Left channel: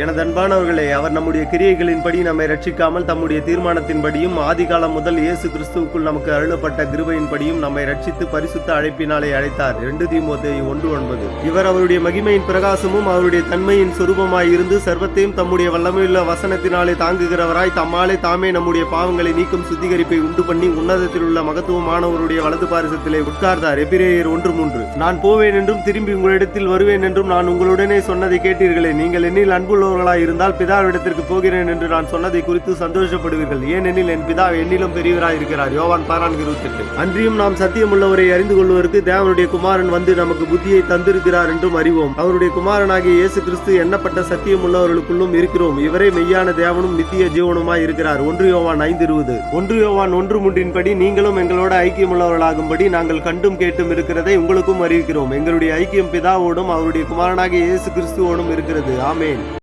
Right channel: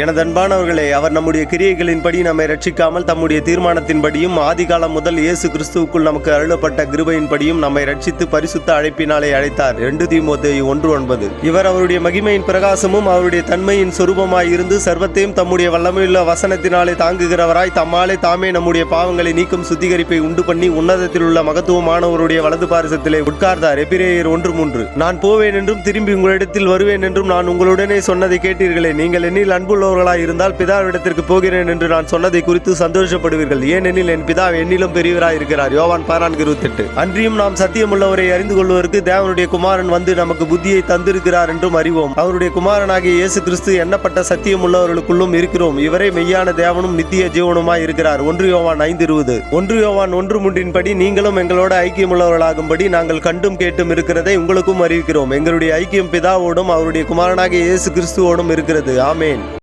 எனது அன்பானவர்களே, அவர் நம்முடைய கிரியைகளின்படி நம்மை ரட்சிக்காமல் தம்முடைய தீர்மானத்தின்படியும் ஆதிகாலம் முதல் இயேசு கிறிஸ்துவுக்குள் நமக்கு அருளப்பட்ட கிருபையின்படியும் நம்மை ரட்சித்து பரிசுத்த அழைப்பினாலே அழைத்தார். 2 தீமோத்தேயு 1:9. இவர் அவருடைய மகிமையின் பிரகாசமும் அவருடைய தன்மையின் சொரூபமாய் இருந்து சர்வத்தையும் தம்முடைய வல்லமையுள்ள வசனத்தினாலே தாங்குகிறவராய் தம்மாலே தாமே நம்முடைய பாவங்களை நீக்கும் சுத்திகரிப்பை உண்டு பண்ணி உன்னதத்தில் உள்ள மகத்துவமானவருடைய வலது பாரிசத்திலே உட்கார்ந்தார். எபிரேயர் 1:3. நான் போவேன் என்றும் திரும்பி உங்களிடத்தில் வருவேன் என்றும் நான் உங்களுடனே சொன்னதை கேட்டீர்களே. நீங்கள் என்னில் அன்பு இருந்தால் பிதாவிடத்திற்கு போகிறேன் என்று நான் சொன்னதை குறித்து சந்தோஷப்படுவீர்கள். ஏனெனில் என் பிதா என்னிலும் பெரியவராய் இருக்கிறார். யோவான் 14:28. அன்றியும் நாம் சத்தியமுள்ளவரை அறிந்து கொள்வதற்கு தேவனுடைய குமாரன் வந்து நமக்கு புத்தியை தந்திருக்கிறார் என்றும் அறிவோம். அவருடைய குமாரனாகிய இயேசு கிறிஸ்து எண்ணப்பட்ட சத்தியமுள்ளவர்களுக்குள்ளும் இருக்கிறோம். இவரே மெய்யான தேவனும் நித்திய ஜீவனுமாய் இருக்கிறார். 1 யோவான் 5:20. 1 யோவான் 1:3 படி நீங்களும் எங்களோட ஐக்கியமுள்ளவர்களாகும்படி நாங்கள் கண்டும் கேட்டும் இருக்கிறதை உங்களுக்கும் அறிவிக்கிறோம். எங்களுடைய ஐக்கியம் பிதாவோடும் அவருடைய குமாரனாகிய இயேசு கிறிஸ்துவோடும் இருக்கிறது. ஆமேன்.